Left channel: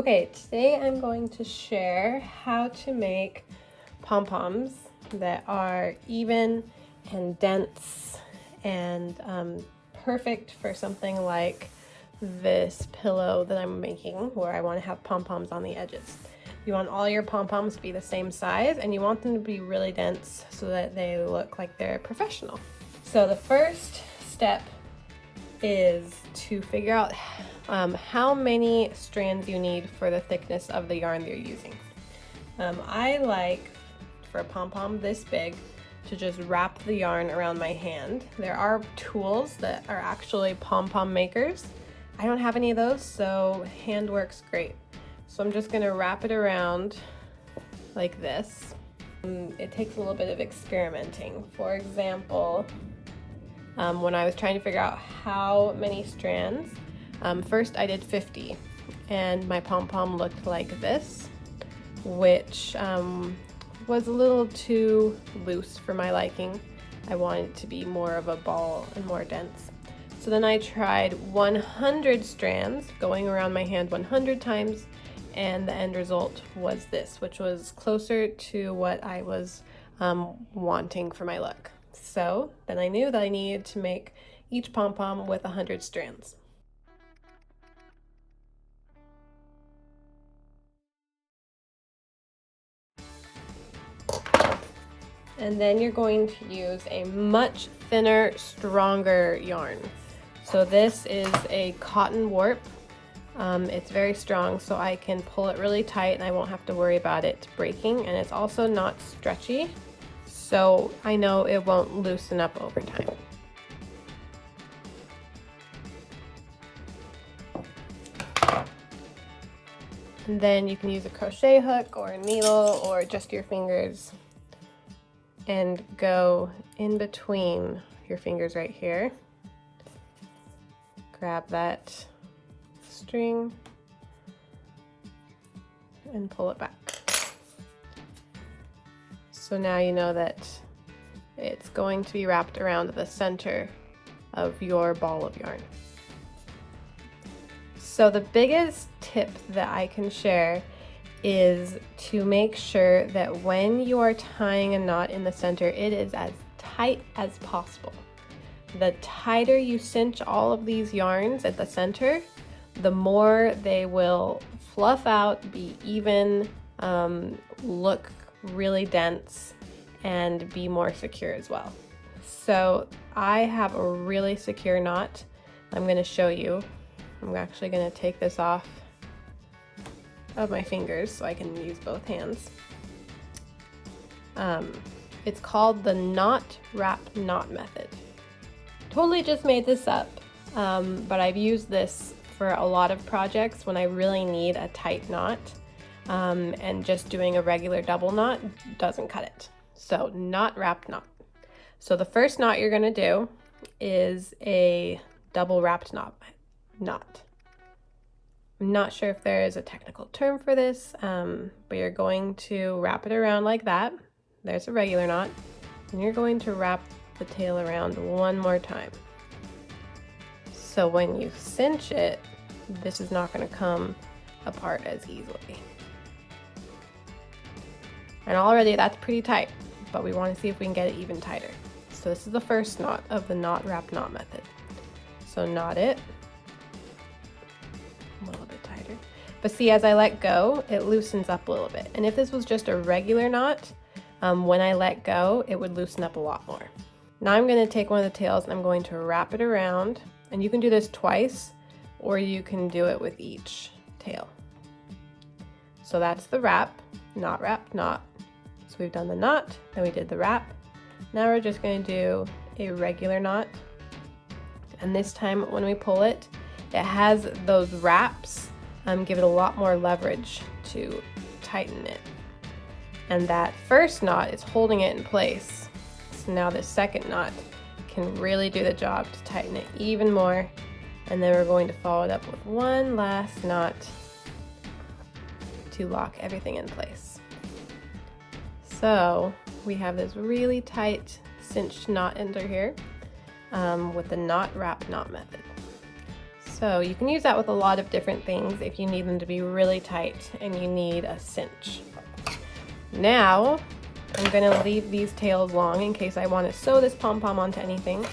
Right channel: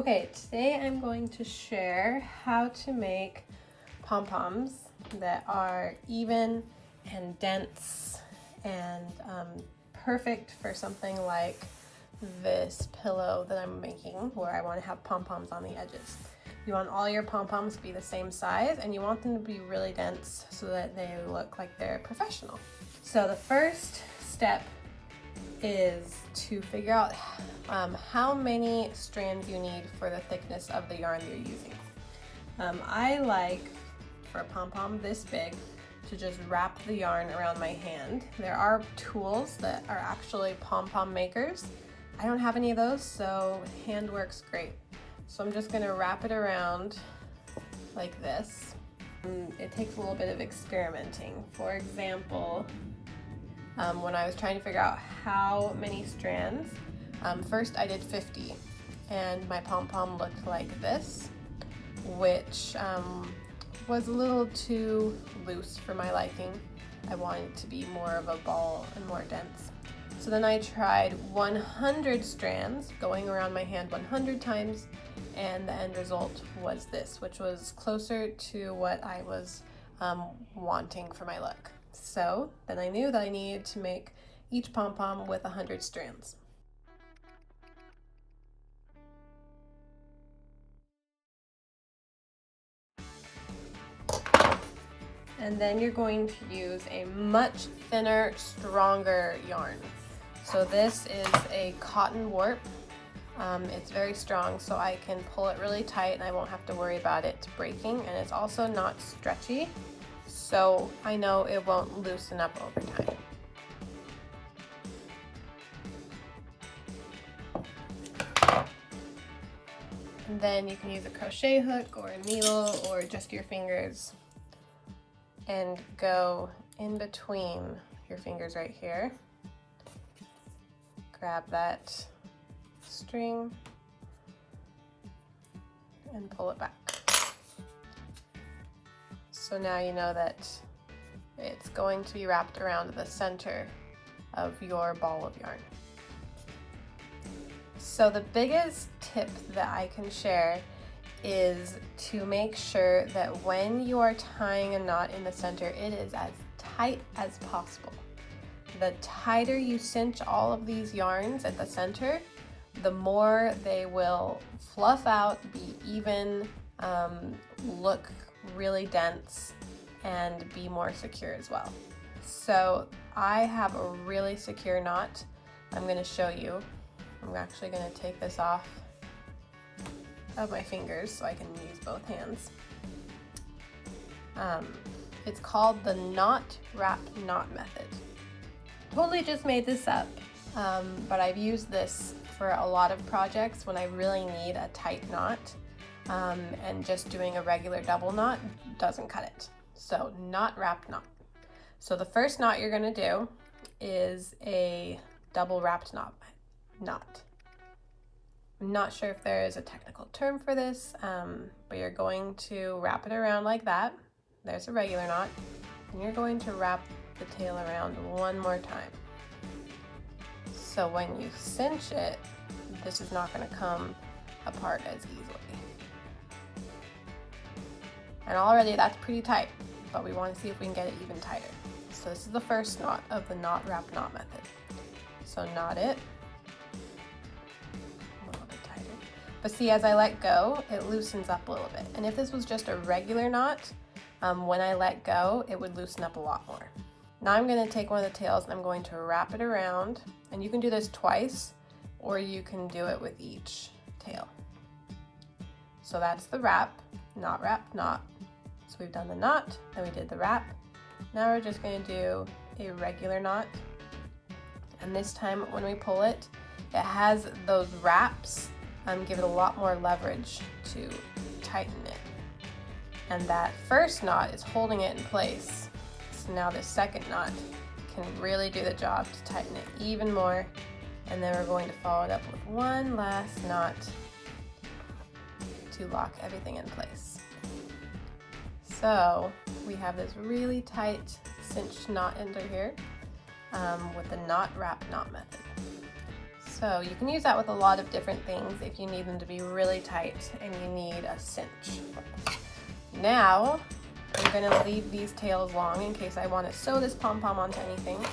Okay, today I'm going to share how to make pom-poms that are even and dense and perfect for something like this pillow that I'm making where I want to have pom-poms on the edges. You want all your pom-poms to be the same size and you want them to be really dense so that they look like they're professional. So the first step is to figure out how many strands you need for the thickness of the yarn you're using. I like, for a pom-pom this big, to just wrap the yarn around my hand. There are tools that are actually pom-pom makers. I don't have any of those, so hand works great. So I'm just gonna wrap it around like this. It takes a little bit of experimenting. For example, when I was trying to figure out how many strands, first I did 50 and my pom-pom looked like this, which was a little too loose for my liking. I wanted it to be more of a ball and more dense. So then I tried 100 strands going around my hand 100 times, and the end result was this, which was closer to what I was wanting for my look. So then I knew that I needed to make each pom-pom with 100 strands. And then you're going to use a much thinner, stronger yarn. So this is a cotton warp. It's very strong, so I can pull it really tight and I won't have to worry about it breaking. And it's also not stretchy, so I know it won't loosen up over time. And then you can use a crochet hook or a needle or just your fingers and go in between your fingers right here. Grab that string and pull it back. So now you know that it's going to be wrapped around the center of your ball of yarn. So the biggest tip that I can share is to make sure that when you are tying a knot in the center, it is as tight as possible. The tighter you cinch all of these yarns at the center, the more they will fluff out, be even, look really dense, and be more secure as well. So I have a really secure knot. I'm going to show you. I'm actually going to take this off of my fingers so I can use both hands. It's called the knot wrap knot method. Totally just made this up, but I've used this for a lot of projects when I really need a tight knot, and just doing a regular double knot doesn't cut it. So knot wrapped knot. So the first knot you're going to do is a double wrapped knot. I'm not sure if there is a technical term for this, but you're going to wrap it around like that. There's a regular knot, and you're going to wrap the tail around one more time. So when you cinch it, this is not going to come apart as easily. And already that's pretty tight, but we want to see if we can get it even tighter. So this is the first knot of the knot wrap knot method. So knot it. But see, as I let go, it loosens up a little bit. And if this was just a regular knot, when I let go, it would loosen up a lot more. Now I'm going to take one of the tails and I'm going to wrap it around. And you can do this twice, or you can do it with each tail. So that's the wrap, knot wrap, knot. So we've done the knot, then we did the wrap. Now we're just going to do a regular knot. And this time when we pull it, it has those wraps. Give it a lot more leverage to tighten it. And that first knot is holding it in place. So now the second knot can really do the job to tighten it even more. And then we're going to follow it up with one last knot to lock everything in place. So we have this really tight cinched knot under here with the knot wrap knot method. So you can use that with a lot of different things if you need them to be really tight and you need a cinch. Now I'm going to leave these tails long in case I want to sew this pom-pom onto anything.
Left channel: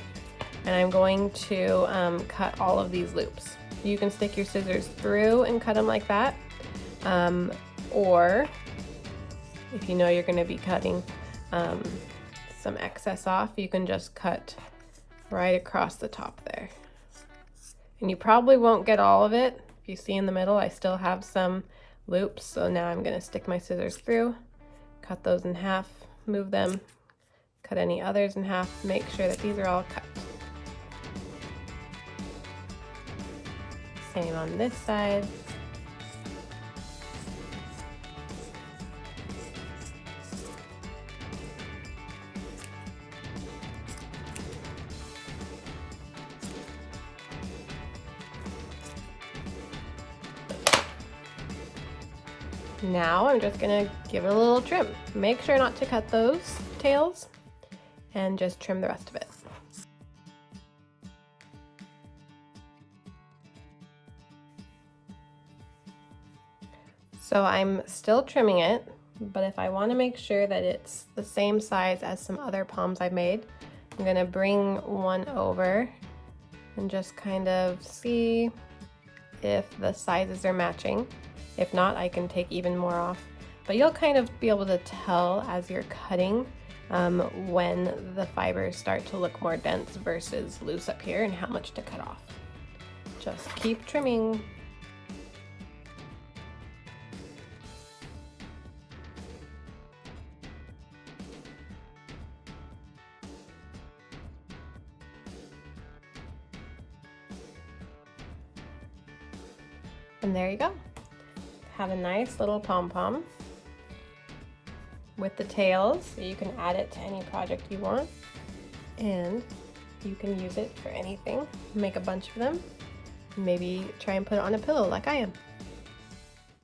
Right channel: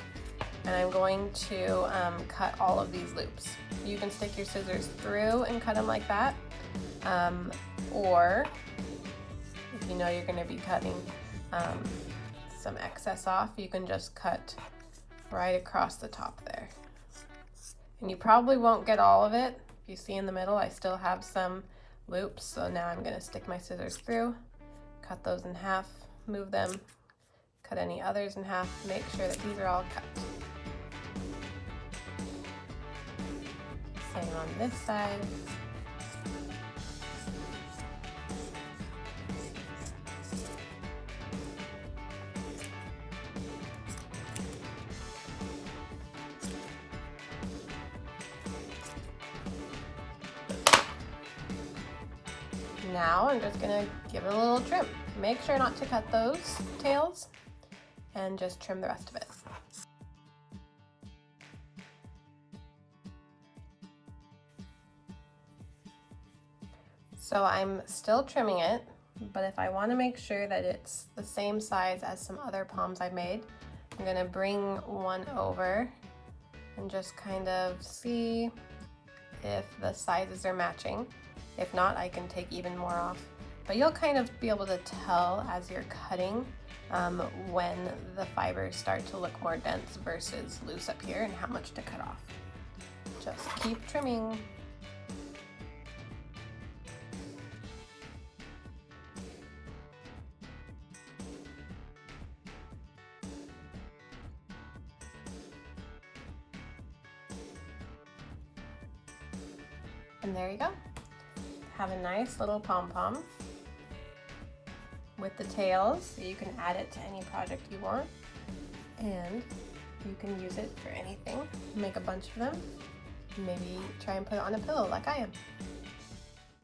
And I'm going to cut all of these loops. You can stick your scissors through and cut them like that. Or if you know you're going to be cutting some excess off, you can just cut right across the top there. And you probably won't get all of it. If you see in the middle, I still have some loops. So now I'm going to stick my scissors through, cut those in half, move them, cut any others in half, make sure that these are all cut. Same on this side. Now I'm just gonna give it a little trim. Make sure not to cut those tails and just trim the rest of it. So I'm still trimming it, but if I want to make sure that it's the same size as some other poms I made, I'm gonna bring one over and just kind of see if the sizes are matching. If not, I can take even more off. But you'll kind of be able to tell as you're cutting when the fibers start to look more dense versus loose up here and how much to cut off. Just keep trimming. And there you go. Have a nice little pom-pom with the tails, so you can add it to any project you want, and you can use it for anything. Make a bunch of them, maybe try and put it on a pillow like I am.